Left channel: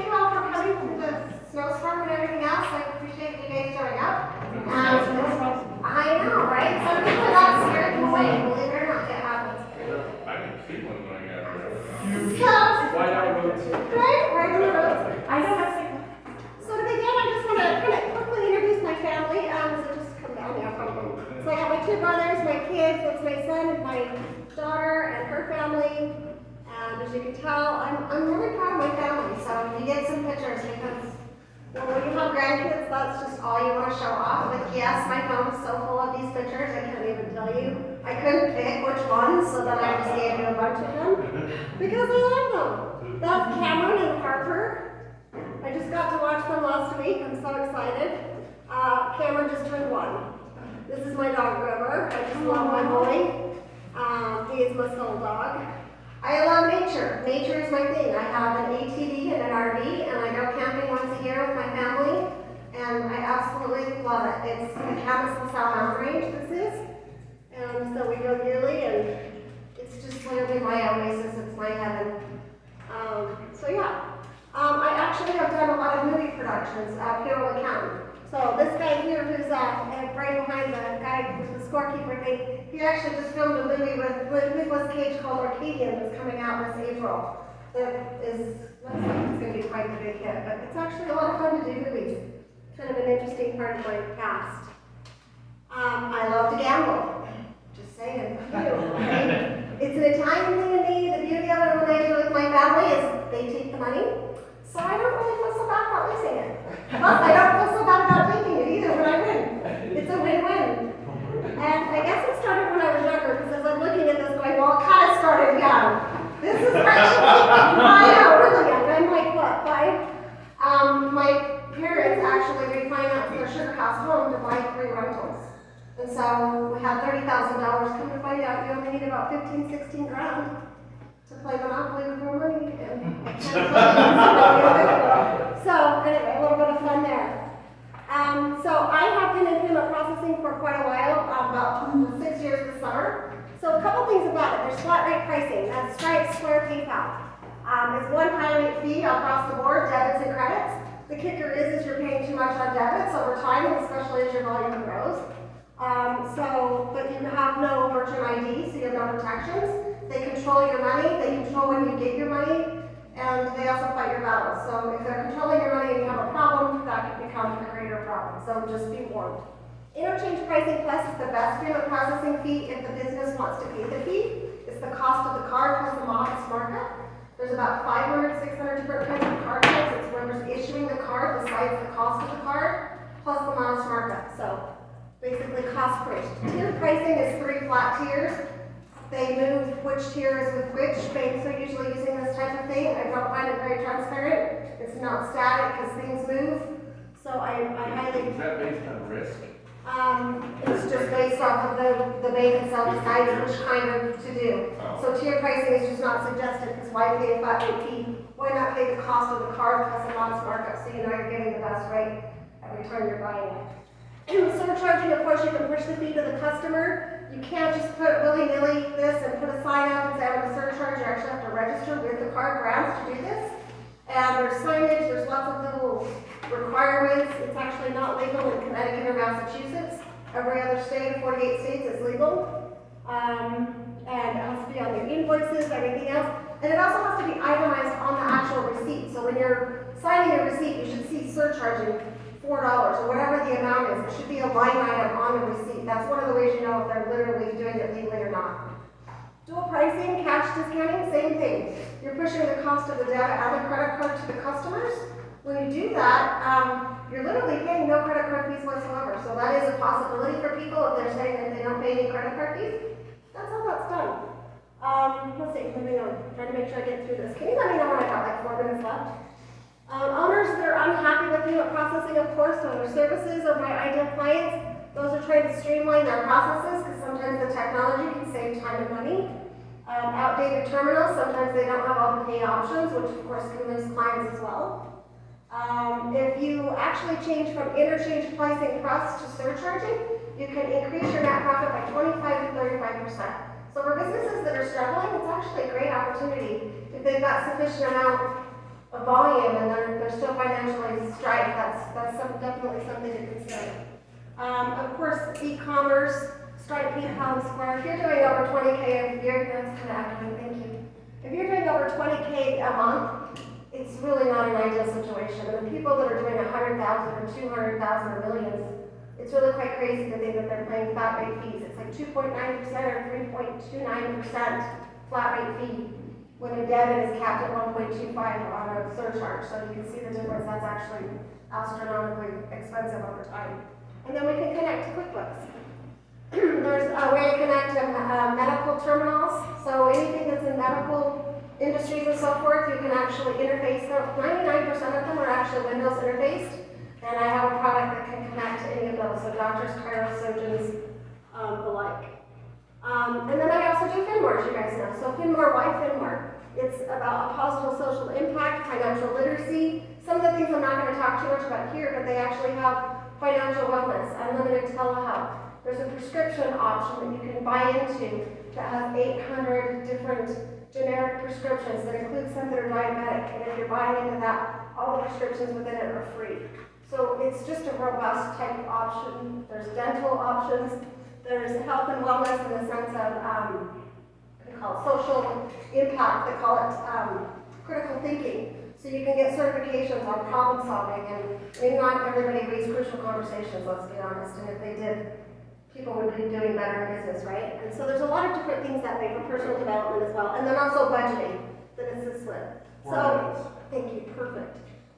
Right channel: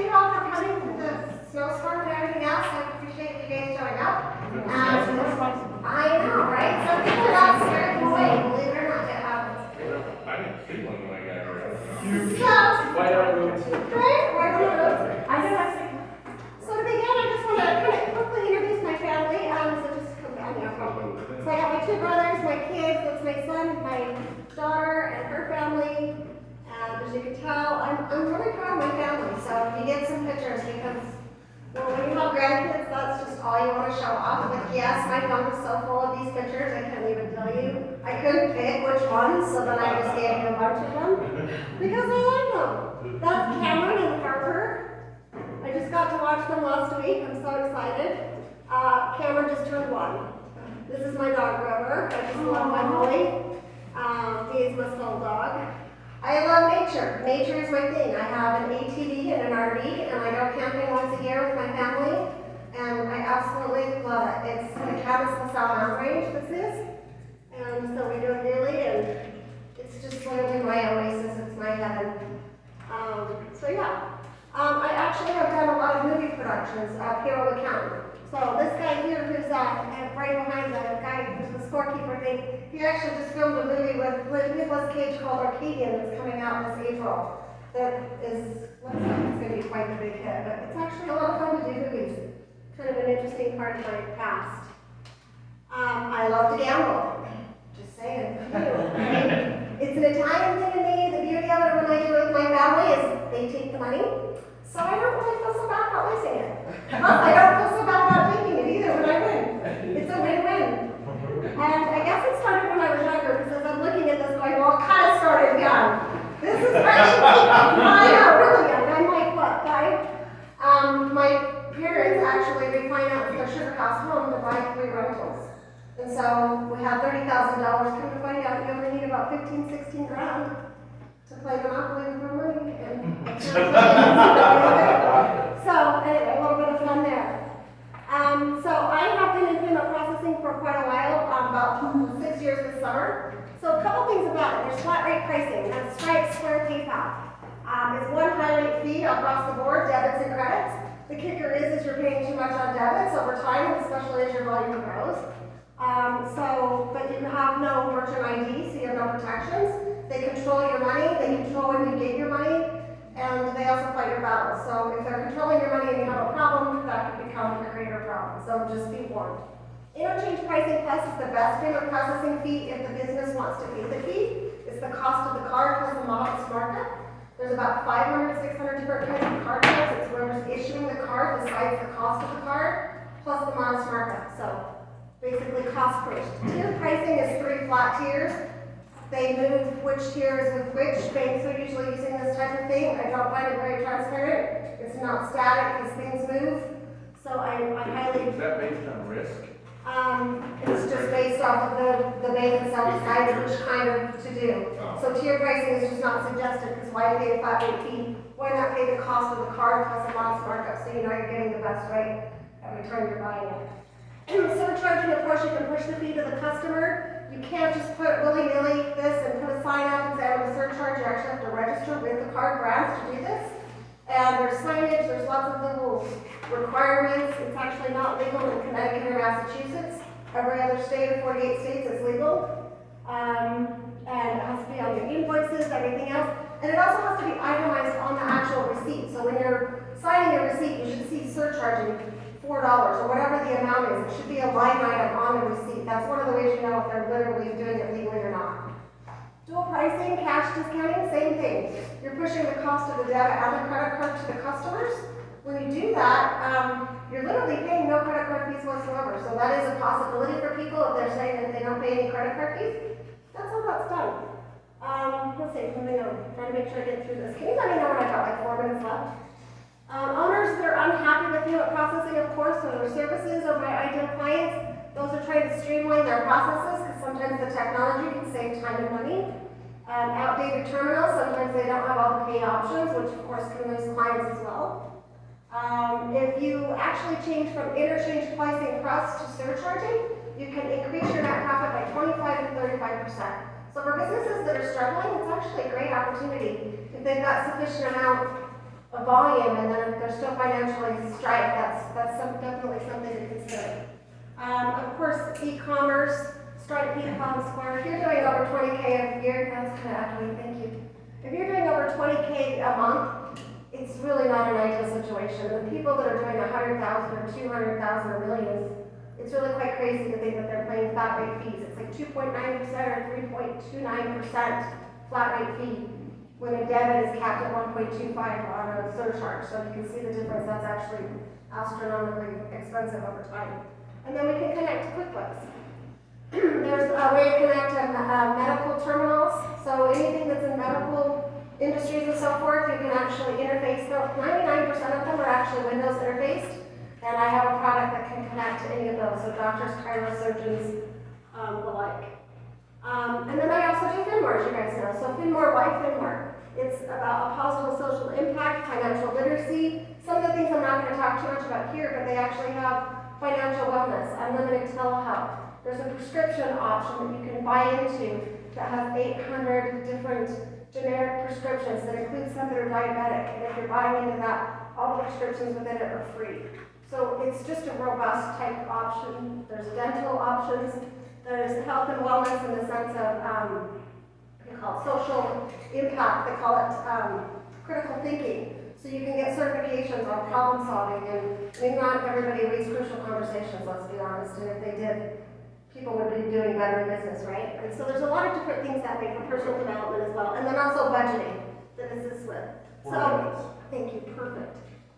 thank you all for coming through the snowstorm and everything else. I appreciate you guys showing up. I know, right? Some people got scared away, believe it or not, it happens. I didn't see one when I got out of Right on the road. I know. So to begin, I just want to kind of quickly introduce my family. So just come down here. So I got my two brothers, my kids, that's my son, my daughter, and her family. As you can tell, I'm really proud of my family. So you get some pictures because when you have grandkids, that's just all you want to show off. But yes, my phone is so full of these pictures, I can't even tell you. I couldn't pick which ones, so then I just gave you a bunch of them because I like them. That's Cameron and Harper. I just got to watch them last week. I'm so excited. Cameron just turned 1. This is my dog, River. I just love my Molly. He is my soul dog. I love nature. Nature is my thing. I have an ATV and an RV, and I go camping once a year with my family, and I absolutely love it. It's the Camas LaSalle Mountain Range, this is, and so we go yearly, and it's just literally my oasis. It's my heaven. So yeah. I actually have done a lot of movie productions at Payroll Accounting. So this guy here who's right behind the guy with the scorekeeper thing, he actually just filmed a movie with Nicolas Cage called Arcadian that's coming out this April. That is, looks like it's going to be quite a big hit, but it's actually a lot of fun to do movies. Kind of an interesting part of my past. I love to gamble. Just saying. It's an Italian thing to me. The beauty of it when I do it with my family is they take the money. So I don't really feel so bad about losing it. Plus, I don't feel so bad about taking it either when I win. It's a win-win. And I guess it started when I was younger, because as I'm looking at this going, well, it kind of started young. This is actually, I know, really young. I'm like, what, 5? My parents actually refinanced their sugar house home to buy 3 rentals. And so we had $30,000. Come to find out, you only need about 15, 16 grand to play Monopoly with our money. So anyway, a little bit of fun there. So I have been in payment processing for quite a while, about 6 years this summer. So a couple things about it. There's flat rate pricing. That's Stripe, Square, PayPal. It's one high rate fee across the board, debits and credits. The kicker is you're paying too much on debits over time, especially as your volume grows. But you have no merchant ID, so you have no protections. They control your money, they control when you get your money, and they also fight your battles. So if they're controlling your money and you have a problem, that could become a greater problem. So just be warned. Interchange pricing plus is the best payment processing fee if the business wants to pay the fee. It's the cost of the card plus the modest markup. There's about 500, 600 different kinds of card types. It's whoever's issuing the card decides the cost of the card plus the modest markup. So basically cost per. Tier pricing is 3 flat tiers. They move which tier is with which. Banks are usually using this type of thing. I don't find it very transparent. It's not static because things move. So I highly... Is that based on risk? It's just based off of the bank itself decides which kind of to do. Oh. So tier pricing is just not suggested because why pay a flat rate fee? Why not pay the cost of the card plus a modest markup so you know you're getting the best rate every time you're buying it? Surcharging, of course, you can push the fee to the customer. You can't just put willy-nilly this and put a sign up and say I'm a surcharge. You actually have to register with the card brands to do this. And there's signage, there's lots of little requirements. It's actually not legal in Connecticut or Massachusetts. Every other state of 48 states is legal. And it has to be on your invoices, everything else. And it also has to be itemized on the actual receipt. So when you're signing a receipt, you should see surcharging $4 or whatever the amount is. It should be a line item on the receipt. That's one of the ways you know if they're literally doing it legally or not. Dual pricing, cash discounting, same thing. You're pushing the cost of the debit and the credit card to the customers. When you do that, you're literally paying no credit card fees whatsoever. So that is a possibility for people if they're saying that they don't pay any credit card fees. That's how that's done. Let's see, moving on. Trying to make sure I get through this. Can you let me know when I got like 4 minutes left? Owners that are unhappy with payment processing, of course, so their services or my ideal clients, those are trying to streamline their processes because sometimes the technology can save time and money. Outdated terminals, sometimes they don't have all the pay options, which of course can lose clients as well. If you actually change from interchange pricing plus to surcharging, you can increase your net profit by 25 to 35%. So for businesses that are struggling, it's actually a great opportunity if they've got sufficient amount of a volume and they're still financially striped, definitely something to consider. Of course, e-commerce, Stripe, PayPal, Square. If you're doing over 20K a year, that's kind of accurate, thank you. If you're doing over 20K a month, it's really not an ideal situation. And the people that are doing 100,000 or 200,000 or millions, it's really quite crazy to think that they're paying flat rate fees. It's like 2.9% or 3.29% flat rate fee when a debit is capped at 1.25 on a surcharge. So you can see the difference. That's actually astronomically expensive over time. And then we can connect to QuickBooks. There's a way to connect to medical terminals. So anything that's in medical industries and so forth, you can actually interface them. 99% of them are actually Windows interfaced. And I have a product that can connect to any of those. So doctors, chirosurgeons, the like. And then I also do FinMore, as you guys know. So FinMore, why FinMore? It's about a positive social impact, financial literacy. Some of the things I'm not going to talk too much about here, but they actually have financial wellness, unlimited telehealth. There's a prescription option that you can buy into that has 800 different generic prescriptions that include some that are diabetic. And if you're buying into that, all the prescriptions within it are free. So it's just a robust type option. There's dental options. There's health and wellness in the sense of we call it social impact. They call it critical thinking. So you can get certifications on problem solving, and I mean, not everybody reads Crucial Conversations, let's be honest, and if they did, people would be doing better in business, right? And so there's a lot of different things that way for personal development as well, and then also budgeting that assists with. So, thank you, perfect.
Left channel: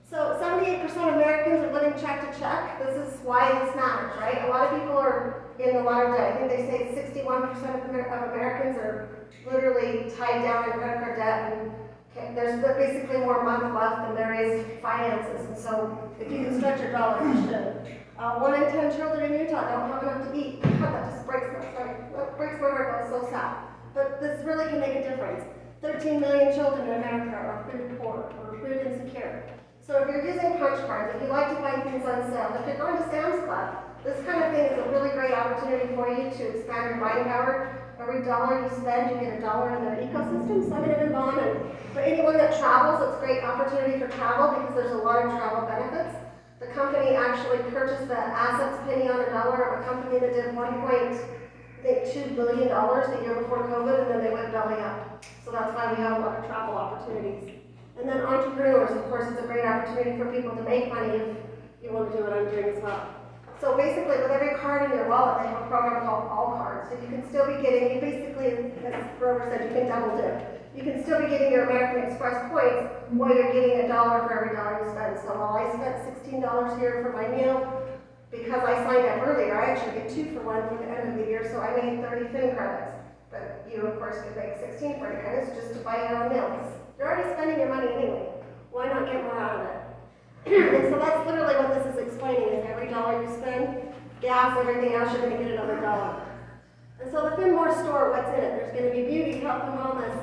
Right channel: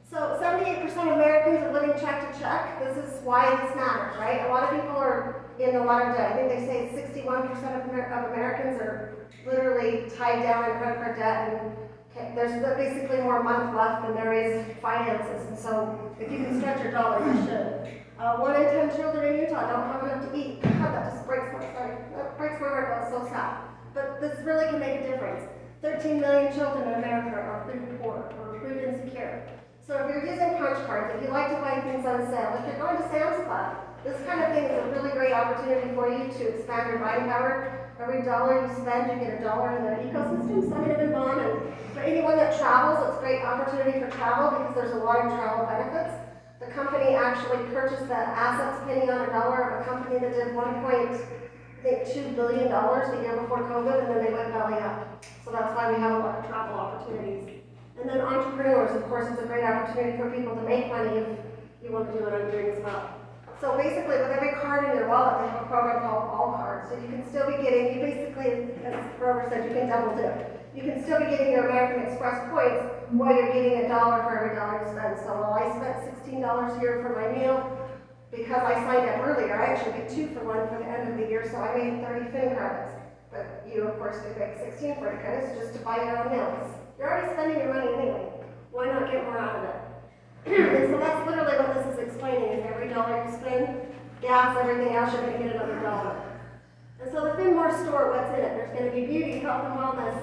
So 78% of Americans are living check to check. This is why this matters, right? A lot of people are in a lot of debt. I think they say 61% of Americans are literally tied down in credit card debt, and there's basically more a month left than there is finances. And so if you can stretch your dollar, you should. 1 in 10 children in Utah don't have enough to eat. God, that just breaks my heart. That breaks my heart. That's so sad. But this really can make a difference. 13 million children in America are food poor or food insecure. So if you're using punch cards, if you like to buy things on sale, if you're going to Sam's Club, this kind of thing is a really great opportunity for you to expand your buying power. Every dollar you spend, you get $1 in their ecosystem. Some of it is on, and for anyone that travels, it's a great opportunity for travel because there's a lot of travel benefits. The company actually purchased the assets penny on $1 of a company that did $1.2 billion the year before COVID, and then they went belly up. So that's why we have a lot of travel opportunities. And then entrepreneurs, of course, it's a great opportunity for people to make money if you want to do what I'm doing as well. So basically, with every card in your wallet, they have a program called All Cards. So you can still be getting, you basically, as Grover said, you can double dip. You can still be getting your American Express points while you're getting $1 for every dollar you spend. So while I spent $16 here for my meal, because I signed up earlier, I actually get 2 for 1 for the end of the year, so I made 30 Fin credits. But you, of course, could make 16 for credits just to buy your own meals. You're already spending your money anyway. Why not get more out of it? And so that's literally what this is explaining, is every dollar you spend, gas, everything else, you're going to get another $1. And so the FinMore store, what's in it? There's going to be beauty, health and wellness,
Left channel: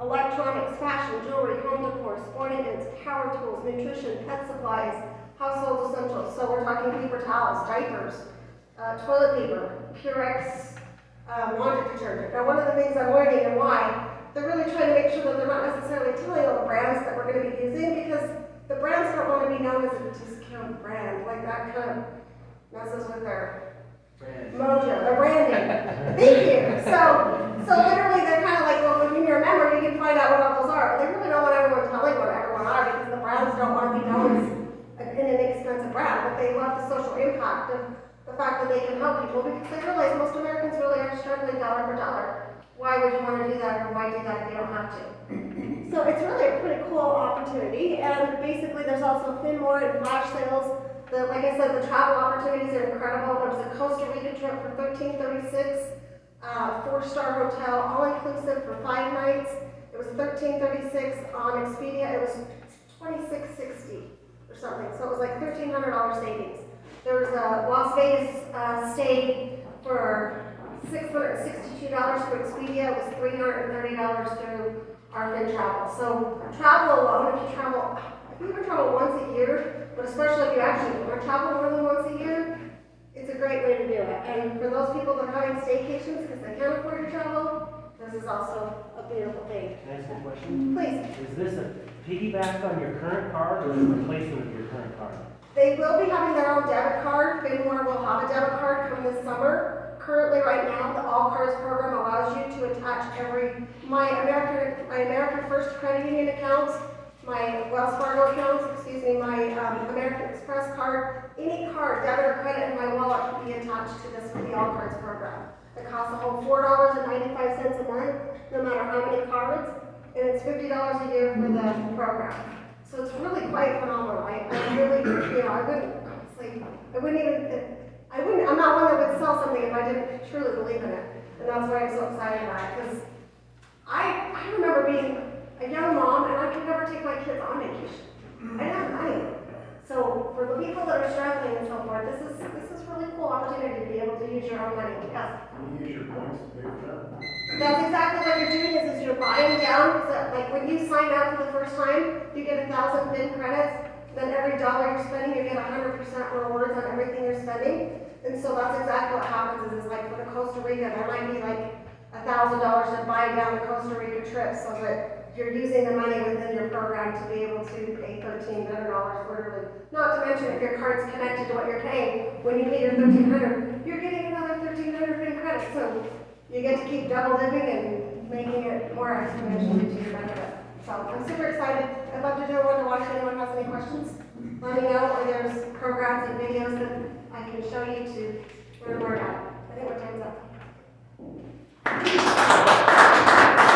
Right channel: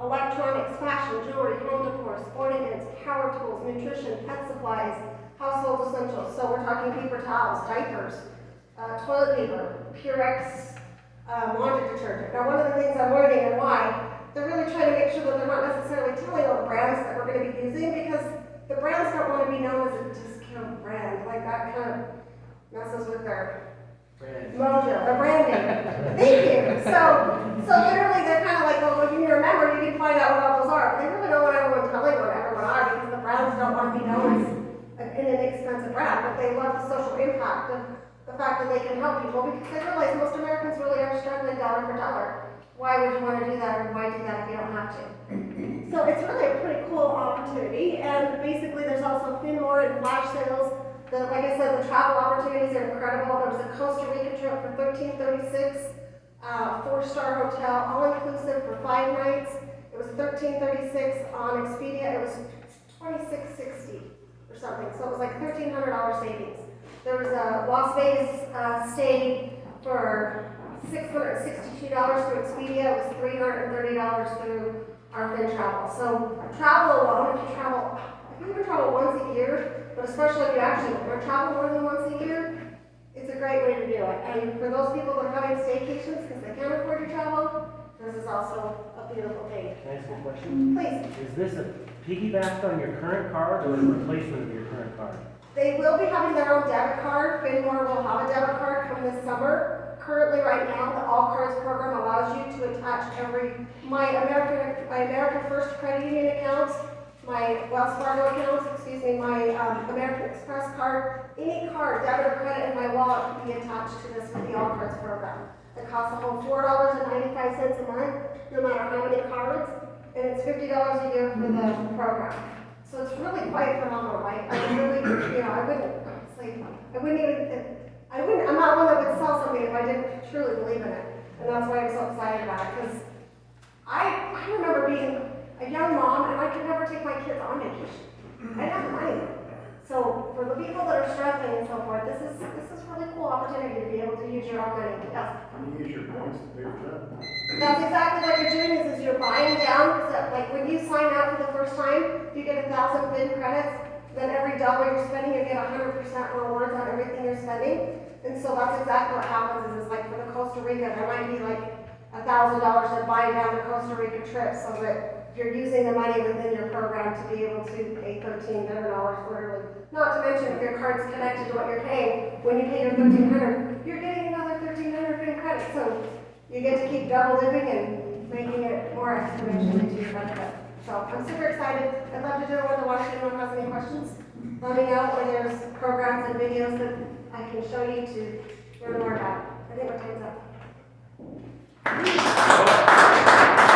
electronics, fashion, jewelry, home decor, sporting goods, power tools, nutrition, pet supplies, household essentials. So we're talking paper towels, diapers, toilet paper, Purex laundry detergent. Now one of the things I'm learning and why, they're really trying to make sure that they're not necessarily telling all the brands that we're going to be using, because the brands don't want to be known as a discount brand. Like that kind of messes with their mojo, their branding. Thank you. So literally they're kind of like, well, if you remember, you can find out what all those are. But they really don't want everyone telling what everyone are, because the brands don't want to be known as an inexpensive brand, but they love the social impact of the fact that they can help people, because they realize most Americans really are struggling dollar for dollar. Why would you want to do that, or why do that if you don't have to? So it's really a pretty cool opportunity, and basically there's also FinMore and flash sales. Like I said, the travel opportunities are incredible. There was a Costa Rica trip for $13.36, 4-star hotel, all-inclusive for 5 nights. It was $13.36 on Expedia. It was $26.60 or something, so it was like $1,300 savings. There was a Las Vegas stay for $662 for Expedia. It was $330 through our FinTravel. So travel alone, if you even travel once a year, but especially if you actually want to travel more than once a year, it's a great way to do it. And for those people that are having staycations because they can't afford to travel, this is also a beautiful thing. Can I ask a question? Please. Is this a piggyback on your current card or a replacement of your current card? They will be having their own debit card. FinMore will have a debit card come this summer. Currently, right now, the All Cards program allows you to attach my American First Credit Union accounts, my Wells Fargo accounts, my American Express card, any card, debit or credit in my wallet can be attached to this with the All Cards program. It costs a whole $4.95 a month, no matter how many cards, and it's $50 a year for the program. So it's really quite phenomenal. I really, I'm not one that would sell something if I didn't truly believe in it. And that's why I'm so excited about it, because I remember being a young mom and I could never take my kids on vacation. I didn't have money. So for the people that are struggling and so forth, this is a really cool opportunity to be able to use your own money. Yes. You use your points to pay for that. That's exactly what you're doing is you're buying down, so like when you sign up for the first time, you get 1,000 FIN credits, then every dollar you're spending, you get 100% rewards on everything you're spending. And so that's exactly what happens is like for the Costa Rica, there might be like $1,000 to buy down the Costa Rica trip so that you're using the money within your program to be able to pay $1,300 quarterly. Not to mention if your card's connected to what you're paying, when you pay your $1,300, you're getting another $1,300 FIN credit. So you get to keep double dipping and making it more exponentially to your benefit. So I'm super excited. I'd love to do a one-to-one if anyone has any questions. Let me know, or there's programs and videos that I can show you to learn more about. I think my time's up.